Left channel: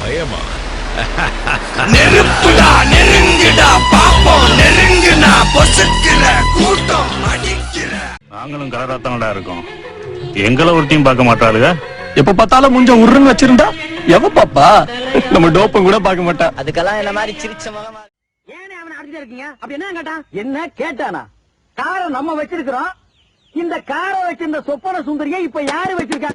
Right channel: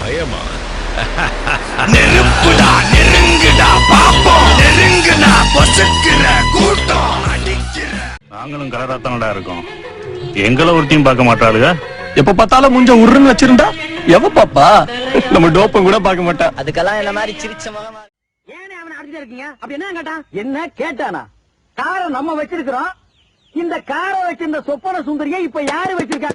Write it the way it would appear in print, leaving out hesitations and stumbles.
பயமா? நெருப்புடா நெருங்குடா பாப்போம், நெருங்குனா பொசுக்கிற கூட்டம் அடிக்கிற. நாங்களும் கலராத்தானடா இருக்கோம், எங்களை ஒருத்தையும் பார்க்க மாட்டாளுங்க. எப்ப பார்த்தாலும் முஞ்ச உருன்னு வச்சிருந்தா எவ பாப்பா? நம்ம டோப்பம் கூட பார்க்க மாட்டா. அதுக்கெல்லாம் என்ன மாதிரி சிரிச்ச முகமா ஏனே அவனை அடிச்சிட்டு இருக்கீங்க? அப்படி என்ன கேட்டான்? என்ன கேட்டானா? காரை நம்ம வச்சிருக்கிறோம். இந்த காரை வச்சிருந்த சொப்பன சுந்தரியை இப்ப யாரு வச்சிருக்கா?